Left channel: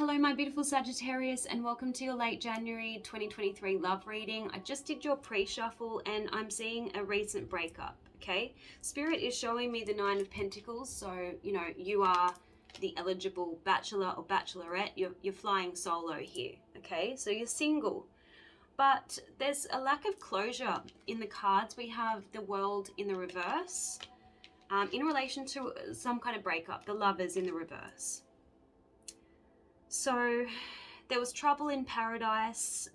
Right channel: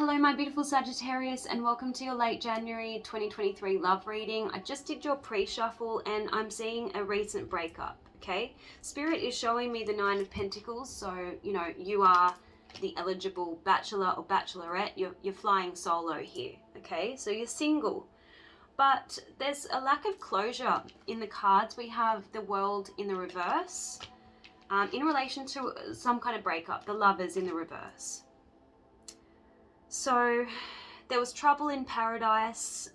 Hello my beautiful Sagittarius, and welcome to your late January 2023 love reading. I just did your pre-shuffle and I'm seeing a recent breakup, okay? Spirit is showing me the Nine of Pentacles, so you know you are the eligible bachelor or bachelorette. You're flying solo here, okay? So you're single. But there's a lack of closure in the cards. We have the World in the reverse in relation to some kind of breakup, the Lovers in the reverse. So there was trouble in paradise.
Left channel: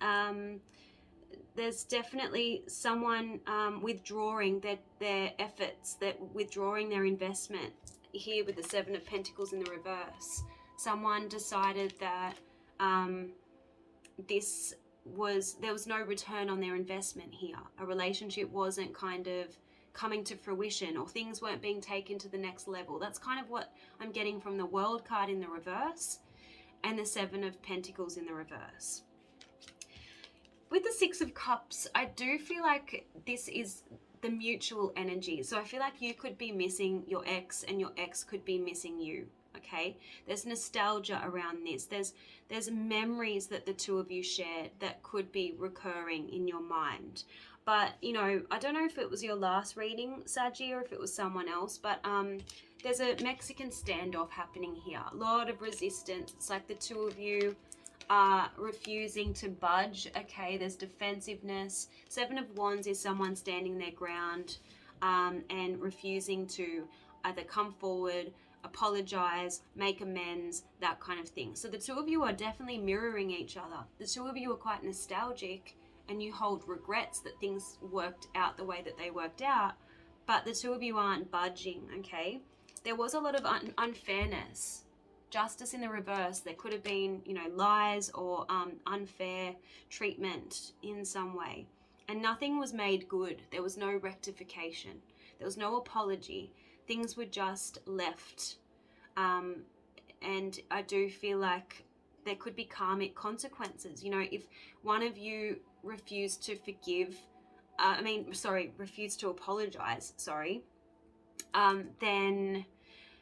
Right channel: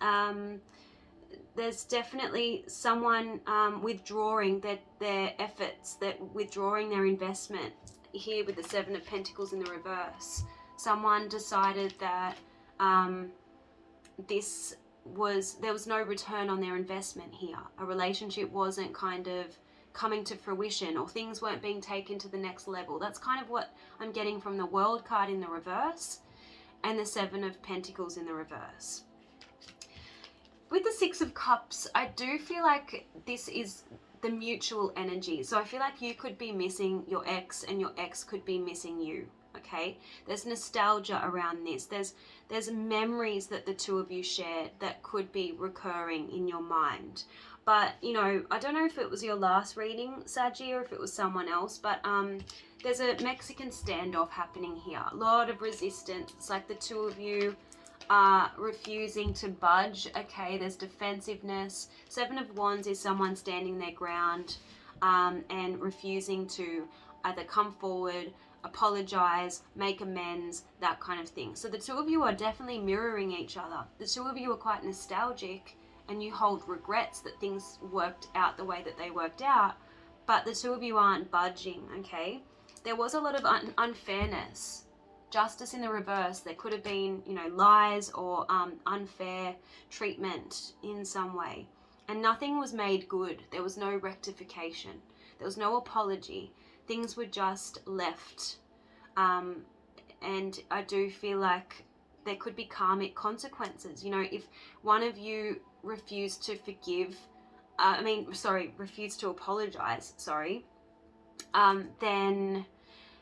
There's definitely someone withdrawing their efforts, withdrawing their investment here with the Seven of Pentacles in the reverse. Someone decided that there was no return on their investment here. A relationship wasn't kind of coming to fruition, or things weren't being taken to the next level. That's kind of what I'm getting from the World card in the reverse and the Seven of Pentacles in the reverse. With the Six of Cups, I do feel like this is the mutual energy. So I feel like you could be missing your ex and your ex could be missing you, okay? There's nostalgia around this. There's memories that the two of you shared that could be recurring in your mind. But, you know, I don't know if it was your last reading, Saggy, or if it was someone else, but there's a Mexican standoff happening here. A lot of resistance. It's like the two of you are refusing to budge, okay? There's defensiveness. Seven of Wands is someone standing their ground and refusing to either come forward, apologize, make amends, that kind of thing. So the two of you are definitely mirroring each other. The two of you are quite nostalgic, and you hold regrets that things worked out the way that they worked out, but the two of you aren't budging, okay? There was a lot of unfairness. Justice in the reverse. There could have been, you know, lies or unfair treatment in some way. And nothing was made good. There was no rectification. There was no apology. Things were just left. And I do feel like there could be karmic consequences. You know, if one of you refused to refused to apologize, then,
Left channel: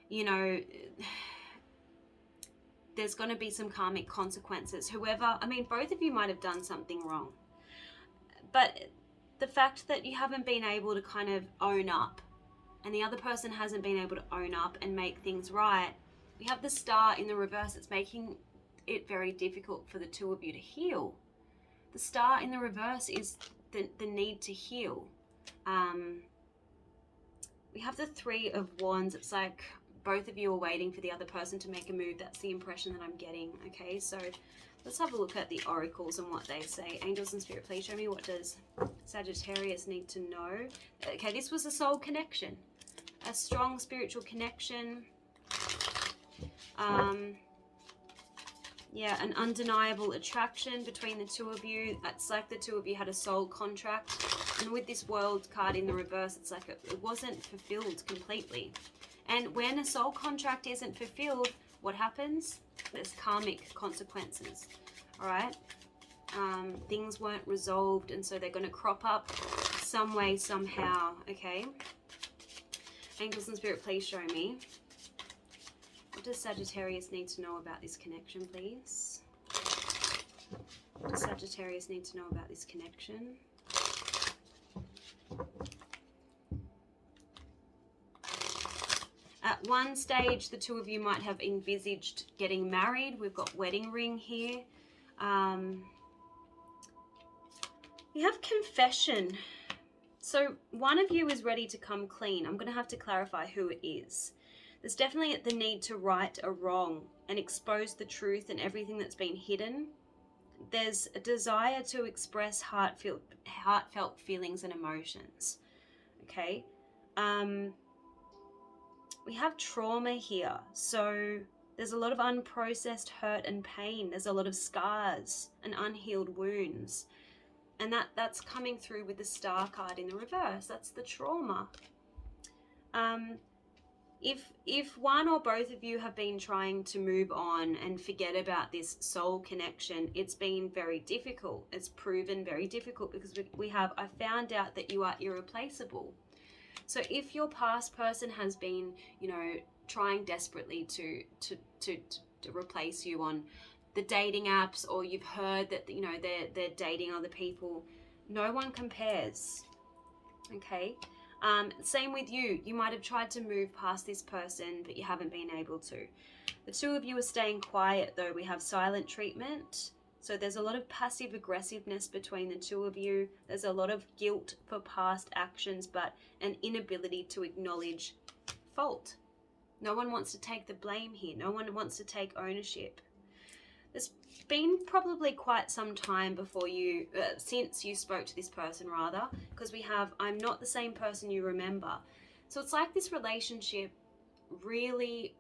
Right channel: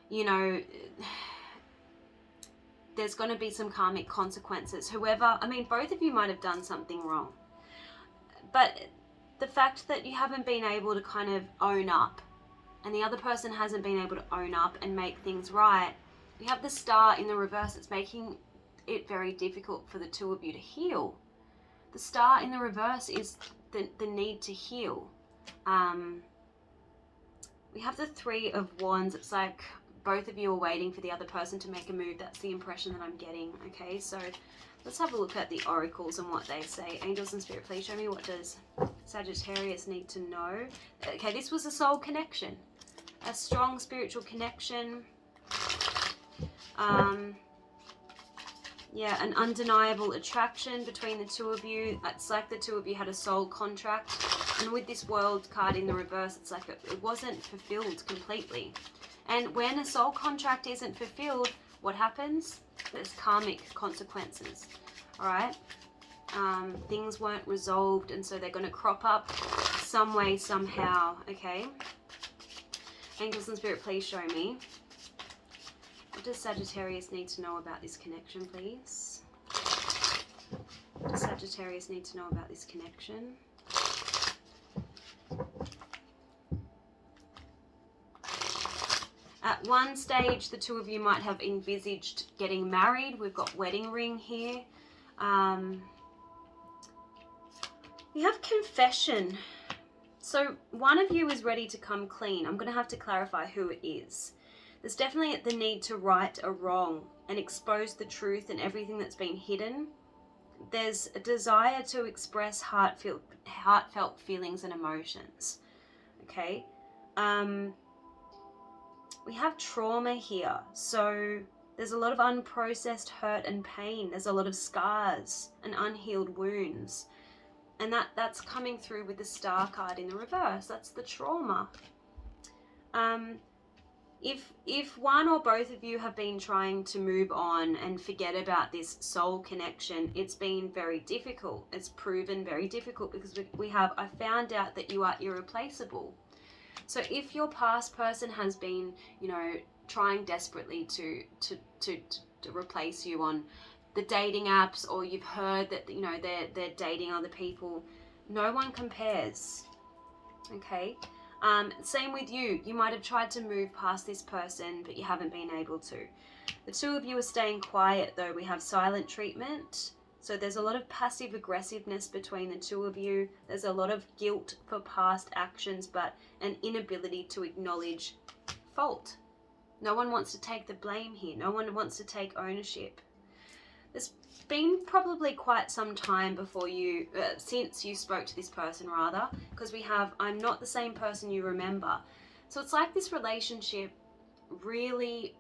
you know, there's going to be some karmic consequences. Both of you might have done something wrong. But the fact that you haven't been able to kind of own up, and the other person hasn't been able to own up and make things right, we have the Star in the reverse. It's making it very difficult for the two of you to heal. The Star in the reverse is the need to heal. We have the Three of Wands. It's like both of you are waiting for the other person to make a move. That's the impression that I'm getting. Okay, so let's have a look at the oracles and what they say. Angels and Spirit, please show me, what does Sagittarius need to know? Okay, this was a soul connection, a strong spiritual connection. Yeah, an undeniable attraction between the two of you. It's like the two of you had a soul contract. And with this World card in the reverse, it's like it wasn't fulfilled completely. And when a soul contract isn't fulfilled, what happens? There's karmic consequences, all right? Things weren't resolved, and so they're going to crop up some way, somehow, okay? Angels and Spirit, please show me. What does Sagittarius need to know about this connection, please? What does Sagittarius need to know about this connection? At one stage, the two of you might have envisaged getting married. We've got wedding ring here. You have confession. So one of you is ready to come clean. I'm going to have to clarify who it is. There's definitely the need to right a wrong and expose the truth and everything that's been hidden. There's a desire to express heartfelt feelings and emotions. Okay? We have trauma here. So there's a lot of unprocessed hurt and pain. There's a lot of scars and unhealed wounds. And that's coming through with the Star card in the reverse. That's the trauma. If one or both of you have been trying to move on and forget about this soul connection, it's been very difficult. It's proven very difficult because I found out that you are irreplaceable. So if your past person has been, you know, trying desperately to to replace you on the dating apps, or you've heard that, you know, they're dating other people. No one compares. Okay. Same with you. You might have tried to move past this person, but you haven't been able to. The two of you are staying quiet though. We have silent treatment. So there's a lot of passive aggressiveness between the two of you. There's a lot of guilt for past actions, but an inability to acknowledge fault. No one wants to take the blame here. No one wants to take ownership. There's been probably quite some time before you, since you spoke to this person rather, because we have, I'm not the same person you remember. So it's like this relationship really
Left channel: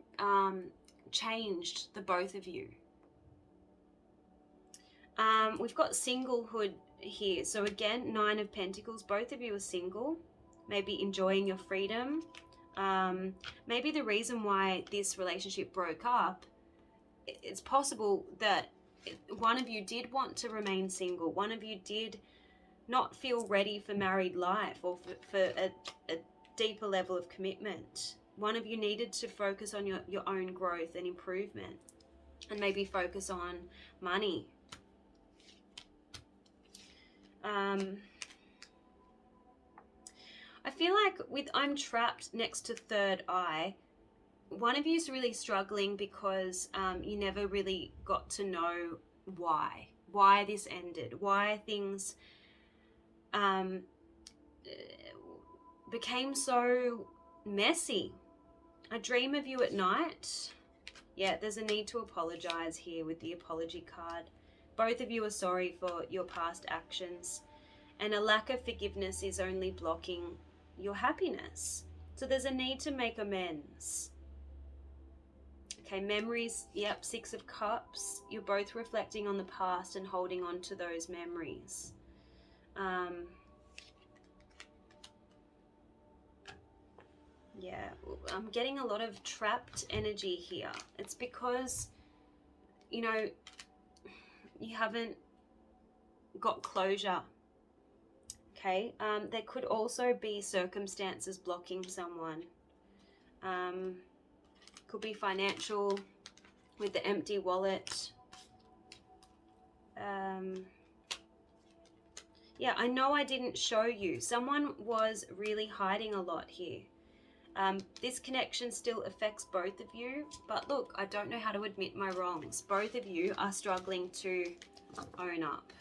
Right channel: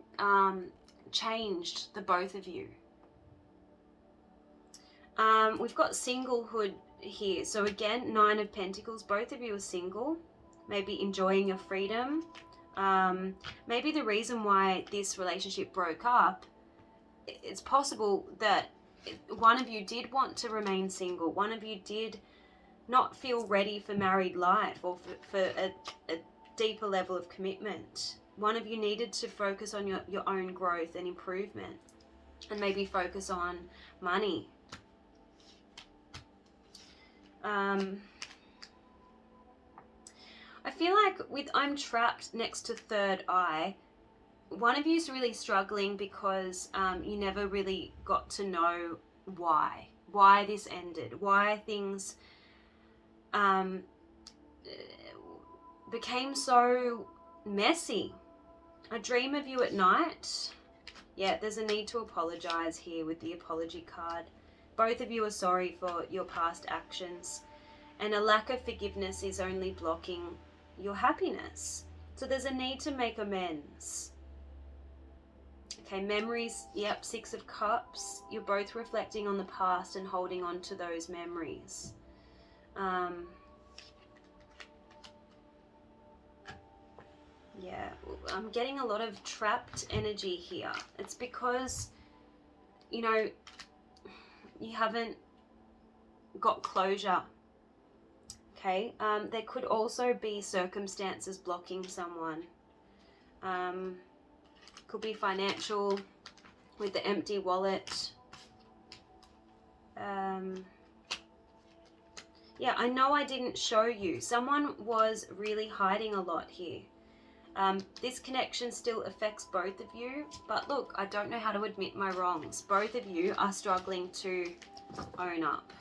changed the both of you. We've got singlehood here. So again, 9 of Pentacles, both of you are single, maybe enjoying your freedom. Maybe the reason why this relationship broke up, it's possible that one of you did want to remain single. One of you did not feel ready for married life, or for a deeper level of commitment. One of you needed to focus on your own growth and improvement, and maybe focus on money. I feel like with I'm trapped next to third eye, one of you is really struggling because you never really got to know why this ended, why things became so messy. I dream of you at night. Yeah, there's a need to apologize here with the apology card. Both of you are sorry for your past actions, and a lack of forgiveness is only blocking your happiness. So there's a need to make amends. Okay, memories, yep, 6 of Cups. You're both reflecting on the past and holding on to those memories. Yeah, I'm getting a lot of trapped energy here. It's because, you know, you haven't got closure. Okay, there could also be circumstances blocking someone. Could be financial with the empty wallet. Yeah, I know I didn't show you. Someone was really hiding a lot here. This connection still affects both of you, but look, I don't know how to admit my wrongs. Both of you are struggling to own up,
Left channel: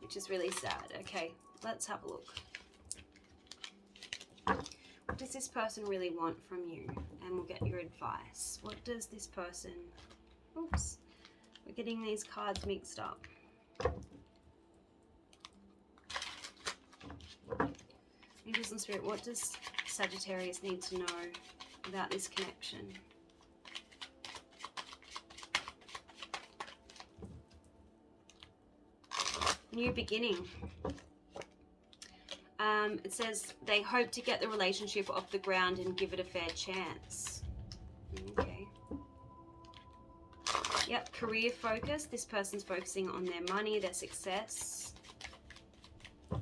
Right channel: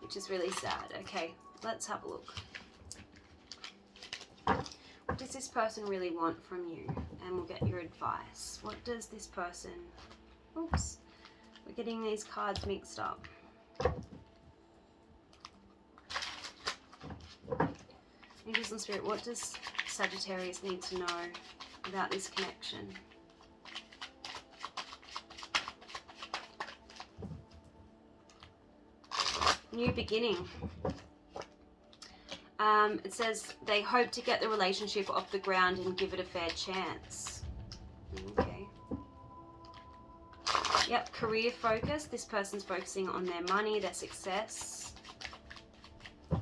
which is really sad. Okay, let's have a look. What does this person really want from you? And we'll get your advice. What does this person... Oops, we're getting these cards mixed up. Angels and Spirit, what does Sagittarius need to know about this connection? New beginning. It says they hope to get the relationship off the ground and give it a fair chance. Okay. Yep, career focus. This person's focusing on their money, their success. I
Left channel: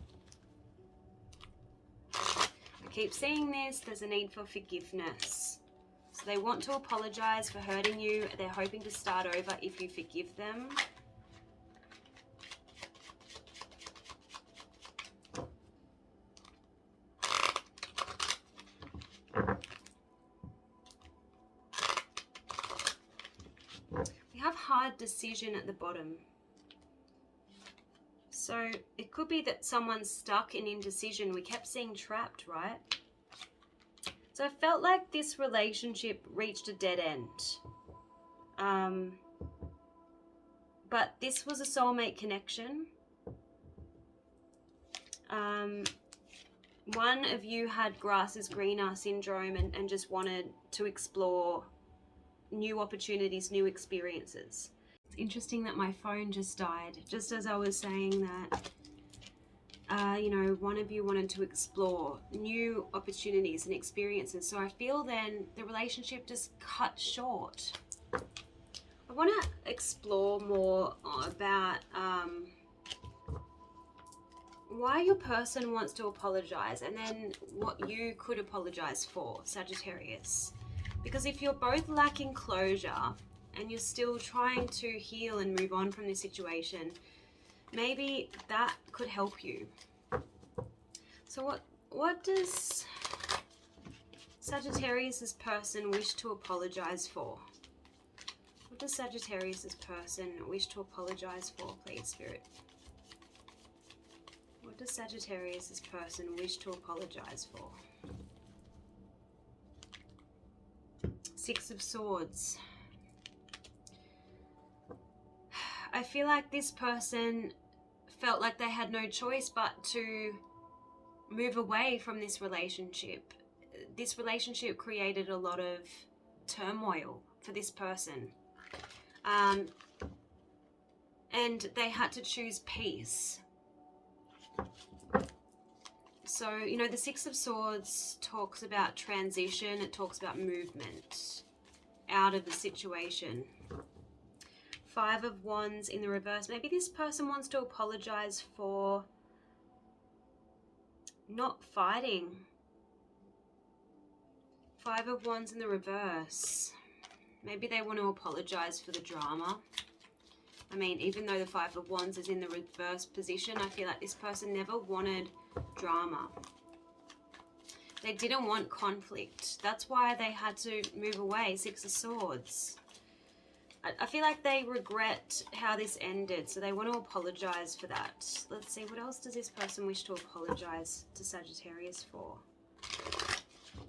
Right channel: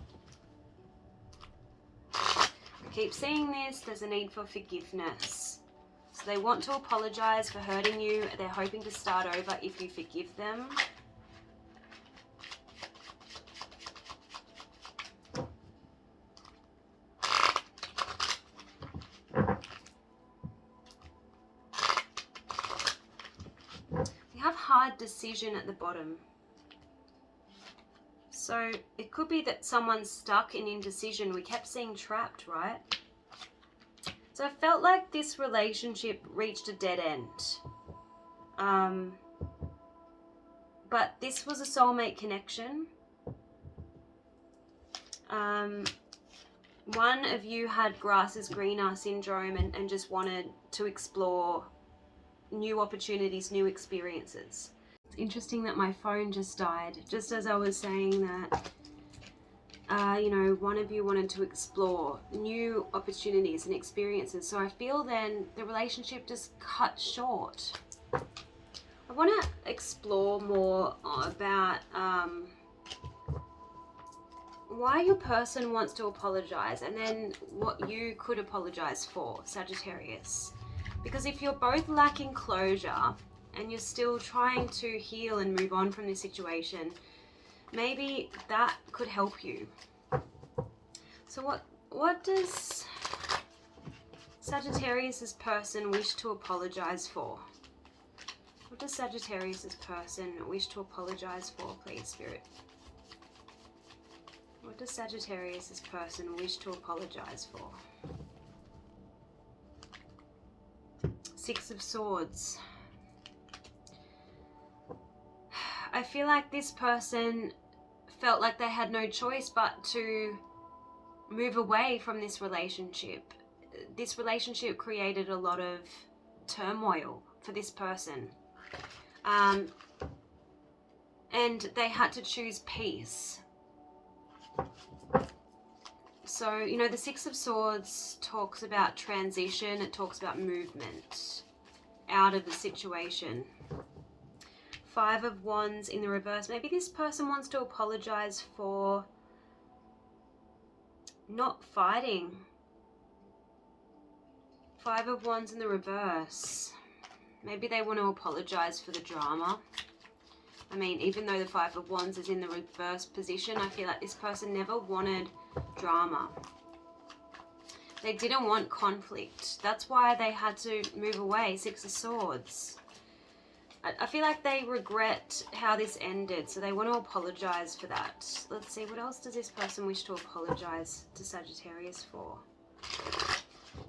keep seeing this. There's a need for forgiveness. So they want to apologize for hurting you. They're hoping to start over if you forgive them. Hard decision at the bottom. So it could be that someone's stuck in indecision. We kept seeing trapped, right? So I felt like this relationship reached a dead end. But this was a soulmate connection. One of you had grass is greener syndrome and just wanted to explore new opportunities, new experiences. It's interesting that my phone just died, just as I was saying that, you know, one of you wanted to explore new opportunities and experiences. So I feel then the relationship just cut short. I want to explore more about why your person wants to apologize, and then what you could apologize for, Sagittarius. Because if you're both lacking closure, and you're still trying to heal and move on from this situation, maybe that could help you. So what does Sagittarius's person wish to apologize for? What does Sagittarius's person wish to apologize for, please, Spirit? What does Sagittarius's person wish to apologize for? Six of Swords. I feel like this person felt like they had no choice but to move away from this relationship. This relationship created a lot of turmoil for this person. And they had to choose peace. So, you know, the Six of Swords talks about transition. It talks about movement out of the situation. Five of Wands in the reverse. Maybe this person wants to apologize for not fighting. Five of Wands in the reverse. Maybe they want to apologize for the drama. I mean, even though the Five of Wands is in the reverse position, I feel like this person never wanted drama. They didn't want conflict. That's why they had to move away. Six of Swords. I feel like they regret how this ended, so they want to apologize for that. Let's see, what else does this person wish to apologize to Sagittarius for?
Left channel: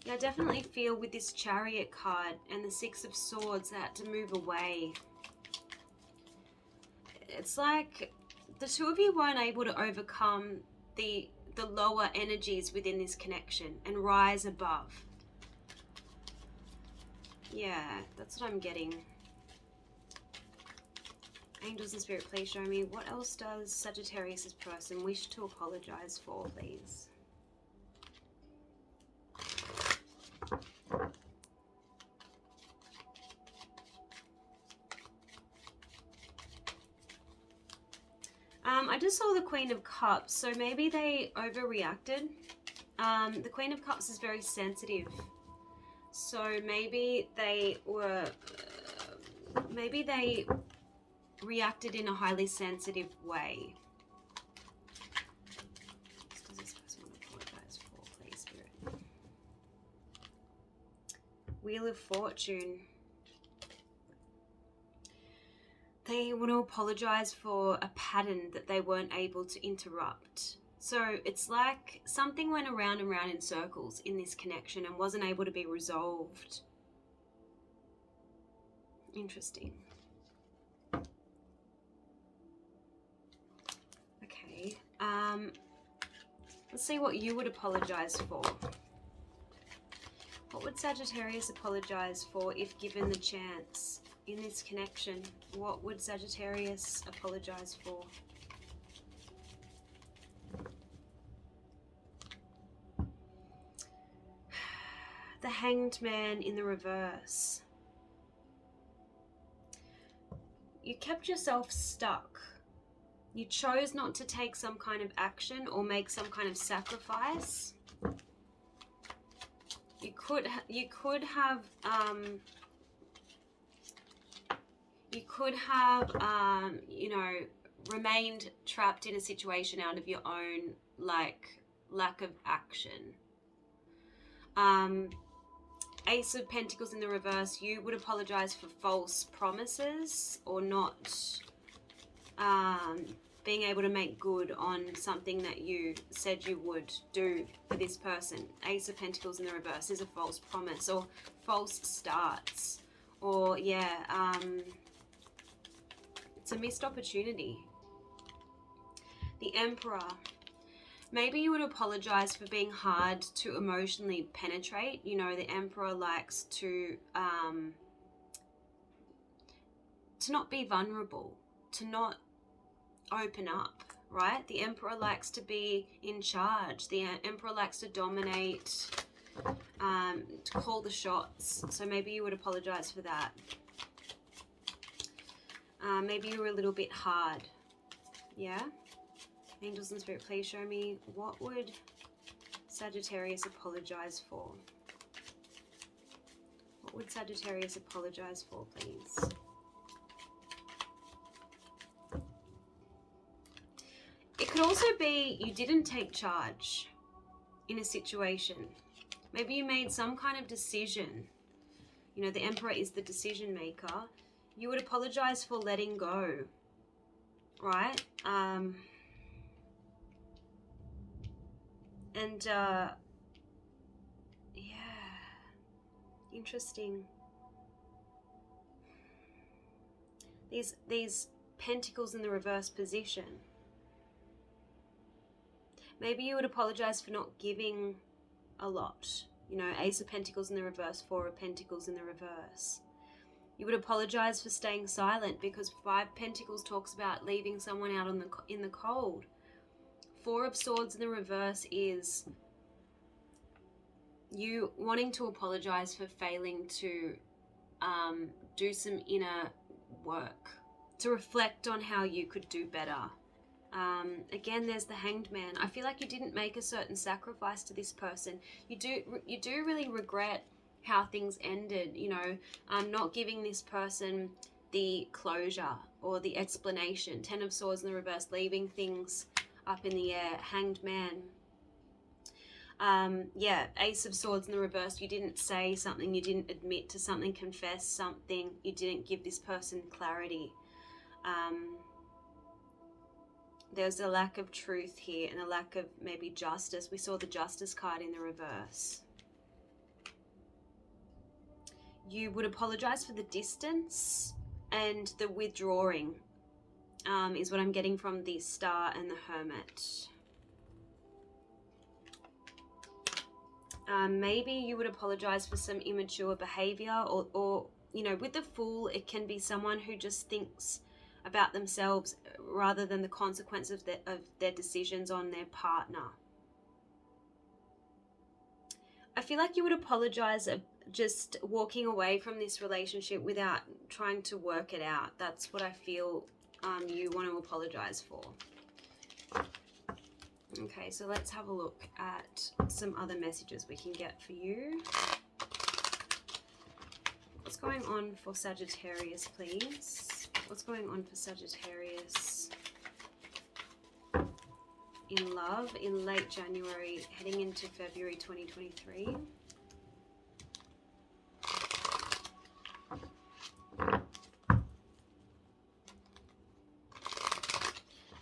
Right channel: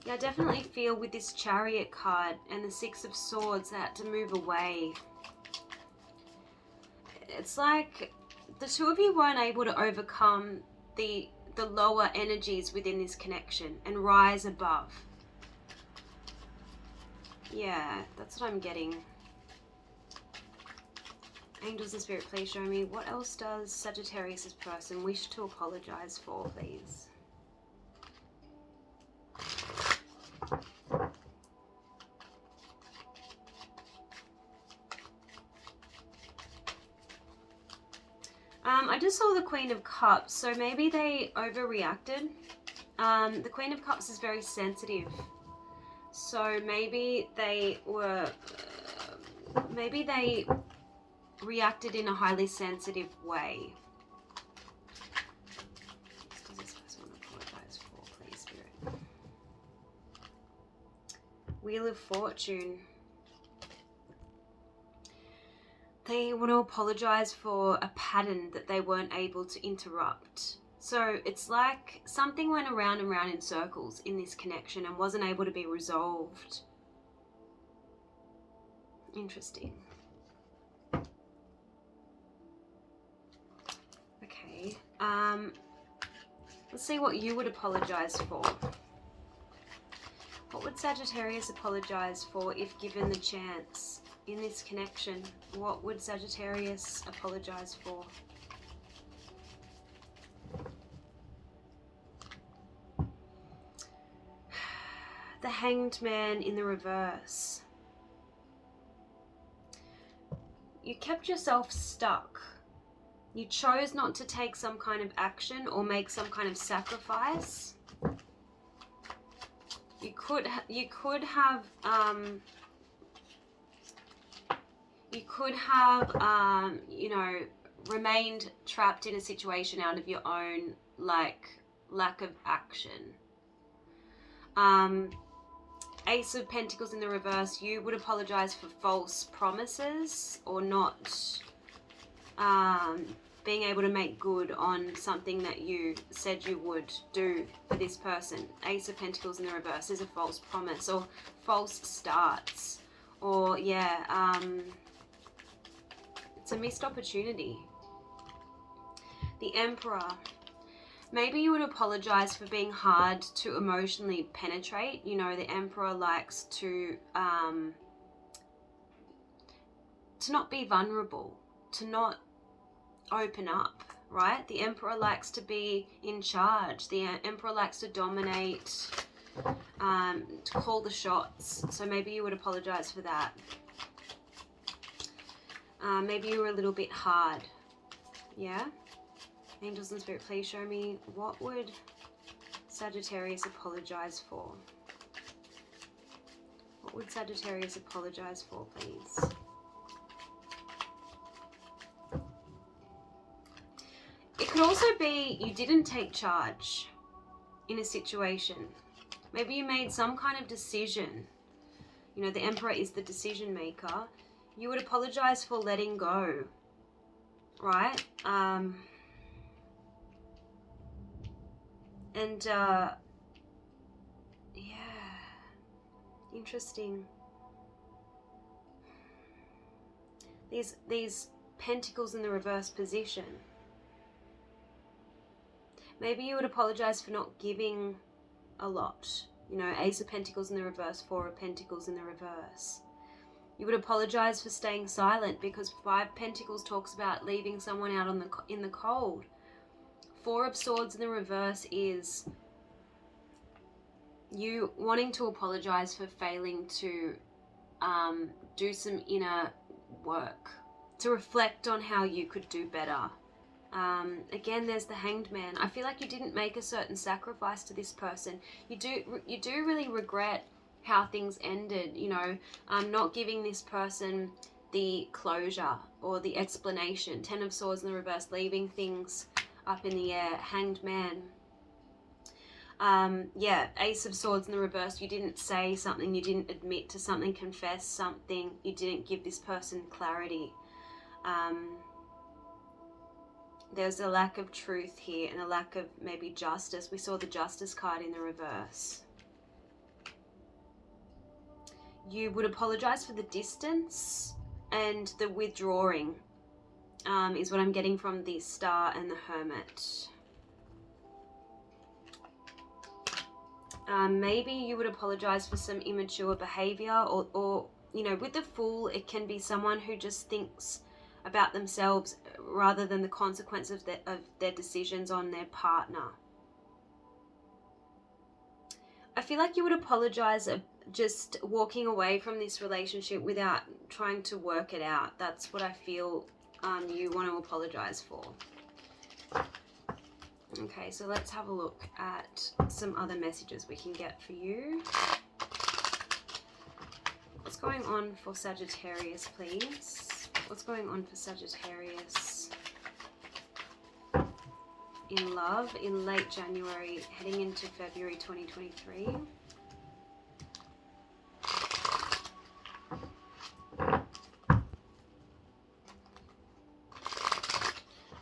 Yeah, I definitely feel with this Chariot card and the Six of Swords, they had to move away. It's like the two of you weren't able to overcome the lower energies within this connection and rise above. Yeah, that's what I'm getting. Angels and Spirit, please show me what else does Sagittarius' person wish to apologize for, please. I just saw the Queen of Cups, so maybe they overreacted. The Queen of Cups is very sensitive, so maybe they were, maybe they reacted in a highly sensitive way. What does this person want to apologize for, please, Spirit? Wheel of Fortune. They want to apologize for a pattern that they weren't able to interrupt. So it's like something went around and round in circles in this connection and wasn't able to be resolved. Interesting. Okay, let's see what you would apologize for. What would Sagittarius apologize for if given the chance in this connection? What would Sagittarius apologize for? The Hanged Man in the reverse. You kept yourself stuck. You chose not to take some kind of action or make some kind of sacrifice. You could have you know, remained trapped in a situation out of your own, like, lack of action. Ace of Pentacles in the reverse. You would apologize for false promises or not being able to make good on something that you said you would do for this person. Ace of Pentacles in the reverse is a false promise or false starts, or yeah, it's a missed opportunity. The Emperor. Maybe you would apologize for being hard to emotionally penetrate. You know, the Emperor likes to not be vulnerable, to not open up, right? The Emperor likes to be in charge. The Emperor likes to dominate, to call the shots. So maybe you would apologize for that. Maybe you were a little bit hard. Yeah? Angels and Spirit, please show me what would Sagittarius apologize for? What would Sagittarius apologize for, please? could also be you didn't take charge in a situation. Maybe you made some kind of decision. You know, the Emperor is the decision maker. You would apologize for letting go, right? Yeah, interesting. These pentacles in the reverse position. Maybe you would apologize for not giving a lot. You know, Ace of Pentacles in the reverse, Four of Pentacles in the reverse. You would apologize for staying silent, because Five Pentacles talks about leaving someone out in the cold. Four of Swords in the reverse is you wanting to apologize for failing to do some inner work, to reflect on how you could do better. Again, there's the Hanged Man. I feel like you didn't make a certain sacrifice to this person. You do really regret how things ended, you know, not giving this person the closure or the explanation. Ten of Swords in the reverse, leaving things up in the air. Hanged Man. Yeah, Ace of Swords in the reverse. You didn't say something, you didn't admit to something, confess something, you didn't give this person clarity. There's a lack of truth here and a lack of maybe justice. We saw the Justice card in the reverse. You would apologize for the distance and the withdrawing, is what I'm getting from the Star and the Hermit. Maybe you would apologize for some immature behavior, or you know, with the Fool, it can be someone who just thinks about themselves rather than the consequences of their decisions on their partner. I feel like you would apologize just walking away from this relationship without trying to work it out. That's what I feel you want to apologize for. Okay, so let's have a look at some other messages we can get for you. What's going on for Sagittarius, please? What's going on for Sagittarius in love in late January, heading into February 2023?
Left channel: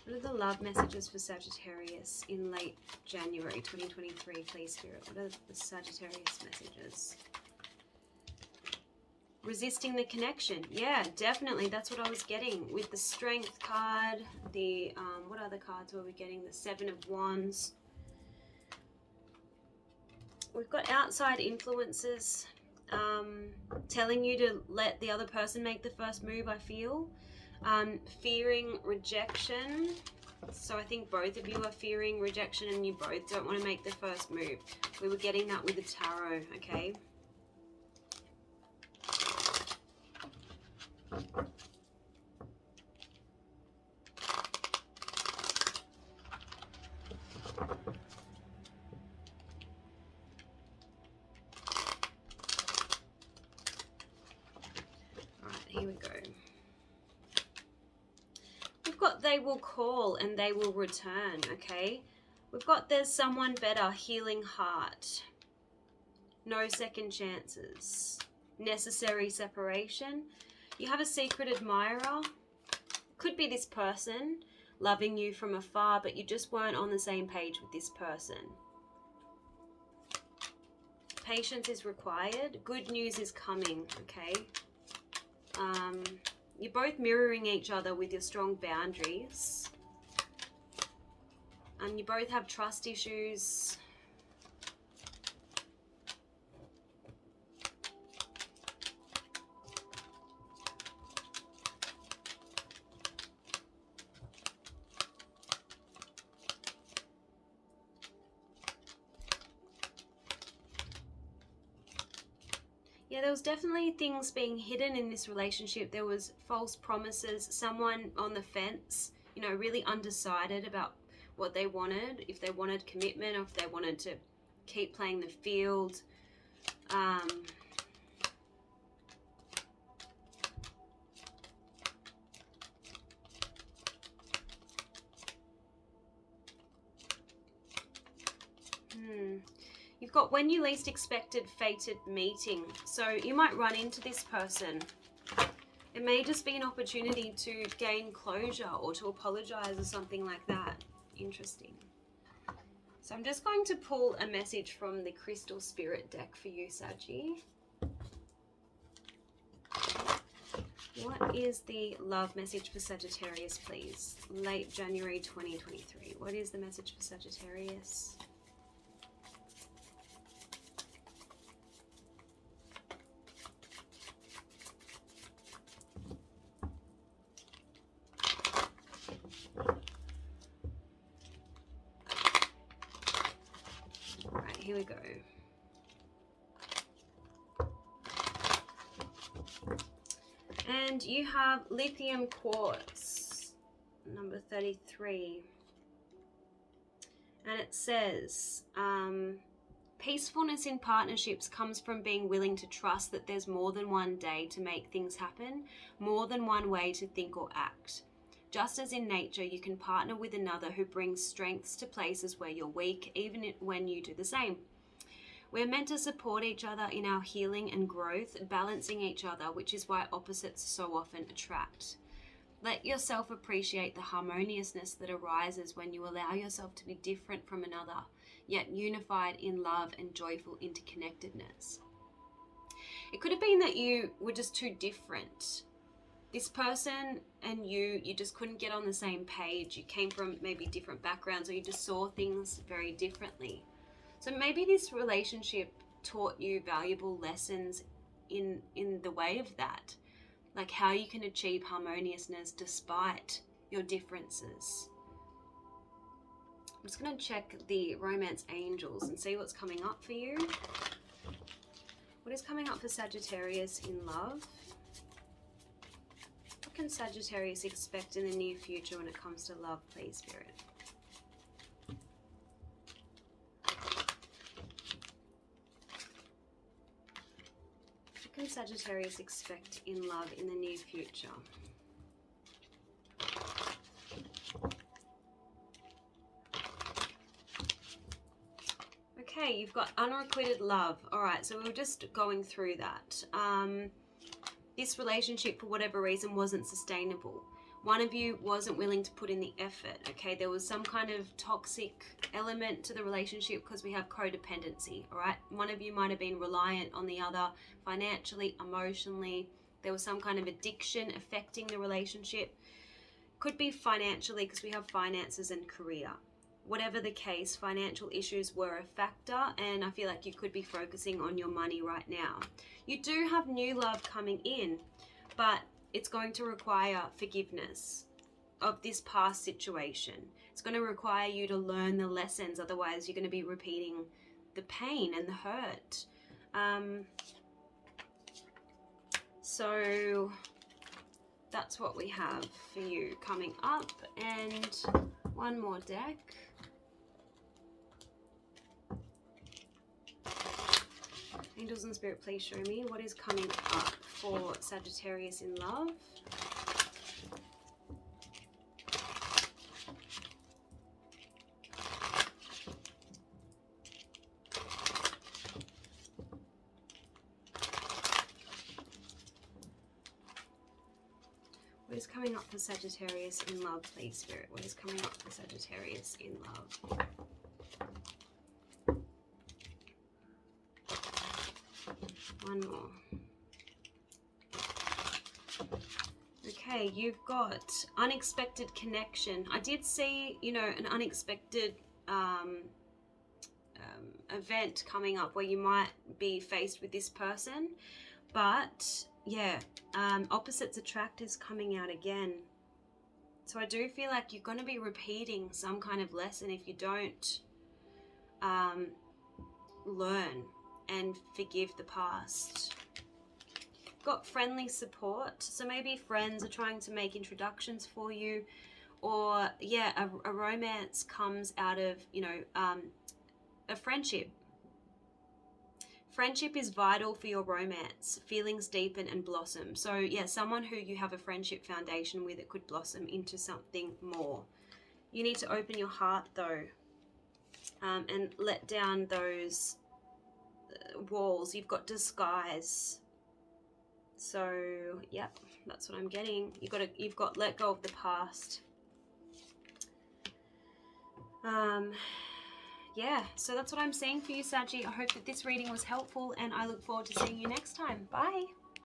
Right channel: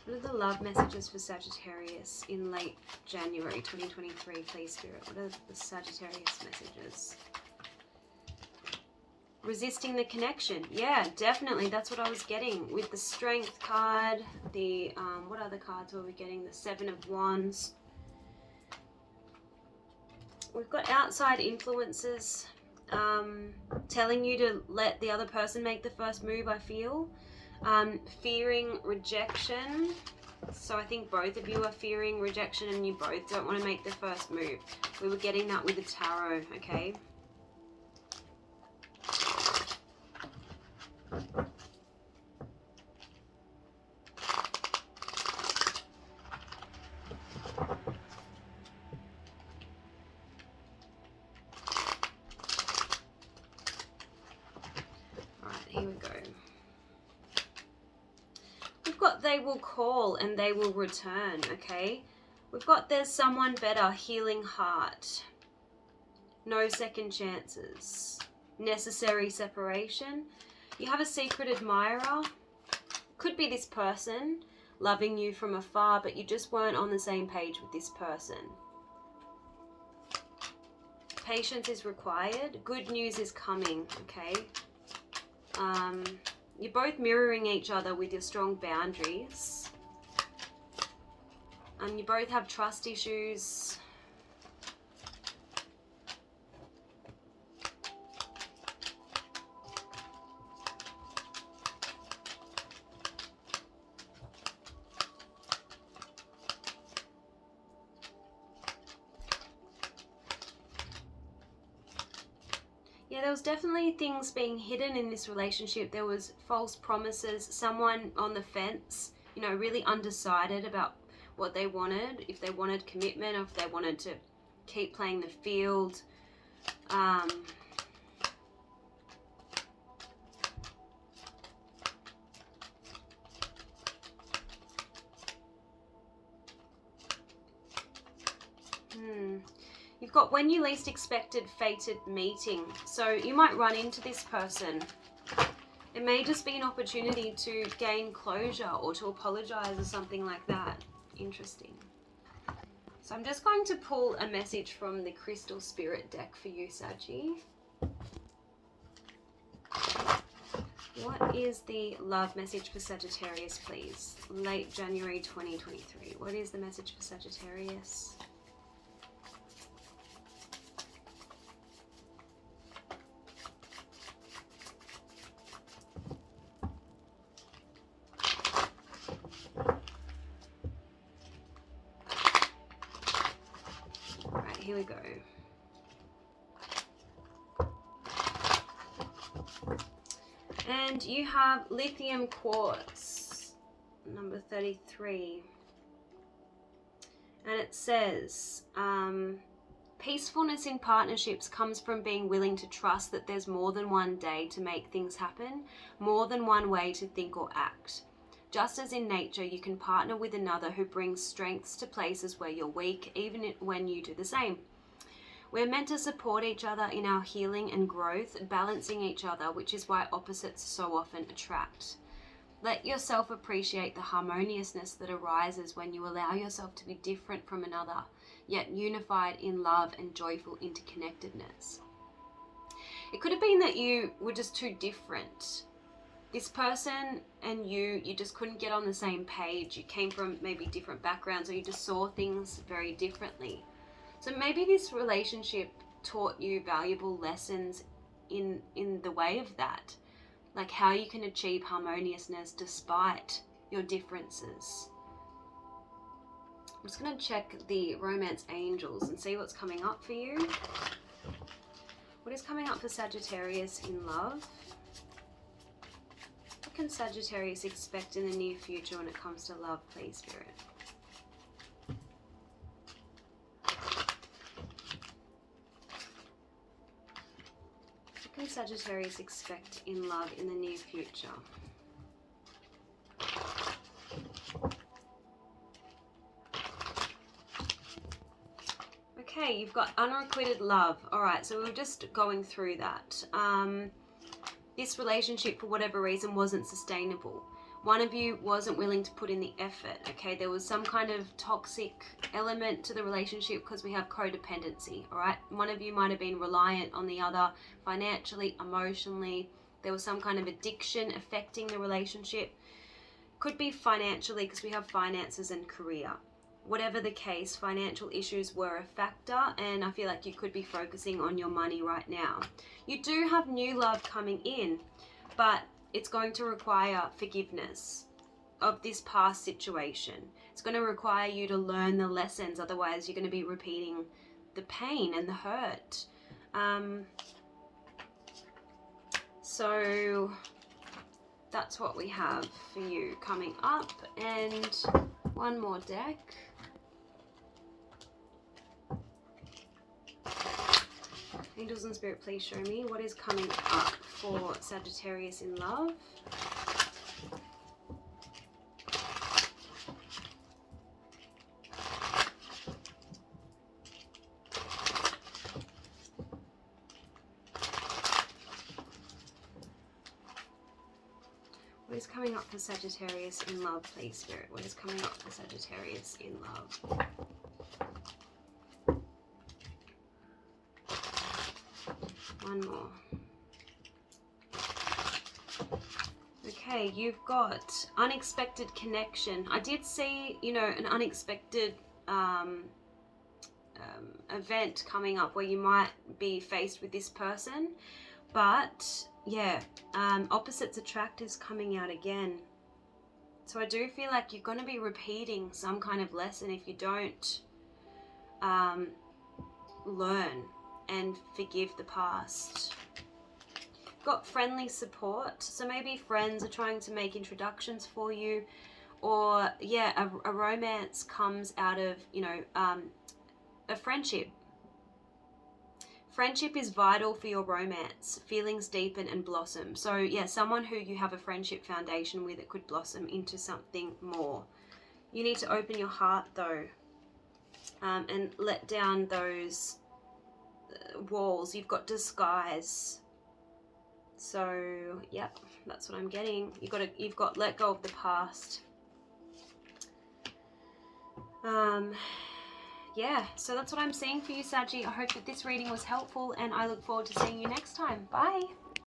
What are the love messages for Sagittarius in late January 2023, please, Spirit? What are the Sagittarius messages? Resisting the connection. Yeah, definitely. That's what I was getting with the Strength card. The, what other cards were we getting? The Seven of Wands. We've got outside influences telling you to let the other person make the first move, I feel. Fearing rejection. So I think both of you are fearing rejection and you both don't want to make the first move. We were getting that with the tarot, okay? Here we go. We've got they will call and they will return, okay? We've got there's someone better, healing heart, no second chances, necessary separation. You have a secret admirer. Could be this person loving you from afar, but you just weren't on the same page with this person. Patience is required. Good news is coming, okay? You're both mirroring each other with your strong boundaries. And you both have trust issues. Yeah, there was definitely things being hidden in this relationship. There was false promises, someone on the fence, you know, really undecided about what they wanted, if they wanted commitment or if they wanted to keep playing the field. You've got when you least expected, fated meeting. So you might run into this person. It may just be an opportunity to gain closure or to apologize or something like that. Interesting. So I'm just going to pull a message from the Crystal Spirit deck for you, Saji. What is the love message for Sagittarius, please? Late January 2023. What is the message for Sagittarius? Right, here we go. And you have lithium quartz, number 33. And it says, peacefulness in partnerships comes from being willing to trust that there's more than one day to make things happen, more than one way to think or act. Just as in nature, you can partner with another who brings strengths to places where you're weak, even when you do the same. We're meant to support each other in our healing and growth, balancing each other, which is why opposites so often attract. Let yourself appreciate the harmoniousness that arises when you allow yourself to be different from another, yet unified in love and joyful interconnectedness. It could have been that you were just too different. This person and you just couldn't get on the same page. You came from maybe different backgrounds, or you just saw things very differently. So maybe this relationship taught you valuable lessons in the way of that, like how you can achieve harmoniousness despite your differences. I'm just going to check the romance angels and see what's coming up for you. What is coming up for Sagittarius in love? What can Sagittarius expect in the near future when it comes to love, please, Spirit? What can Sagittarius expect in love in the near future? Okay, you've got unrequited love. All right, so we're just going through that. This relationship, for whatever reason, wasn't sustainable. One of you wasn't willing to put in the effort, okay? There was some kind of toxic element to the relationship because we have codependency, all right? One of you might have been reliant on the other financially, emotionally. There was some kind of addiction affecting the relationship. Could be financially because we have finances and career. Whatever the case, financial issues were a factor, and I feel like you could be focusing on your money right now. You do have new love coming in, but it's going to require forgiveness of this past situation. It's going to require you to learn the lessons, otherwise you're going to be repeating the pain and the hurt. So that's what we have for you coming up. And one more deck. Angels and Spirit, please show me what is coming up for Sagittarius in love. What is coming up for Sagittarius in love, please, Spirit? What is coming up for Sagittarius in love? One more. Okay, you've got unexpected connection. I did see, an unexpected event coming up where you might be faced with this person. But, yeah, opposites attract is coming out again. So I do feel like you're going to be repeating some kind of lesson if you don't learn and forgive the past. Got friendly support, so maybe friends are trying to make introductions for you, or yeah, a romance comes out of a friendship. Friendship is vital for your romance. Feelings deepen and blossom. So yeah, someone who you have a friendship foundation with, it could blossom into something more. You need to open your heart though, and let down those walls, you've got disguise. So, yep, that's what I'm getting. You've got let go of the past. Yeah, so that's what I'm seeing for you, Saggy. I hope that this reading was helpful, and I look forward to seeing you next time. Bye.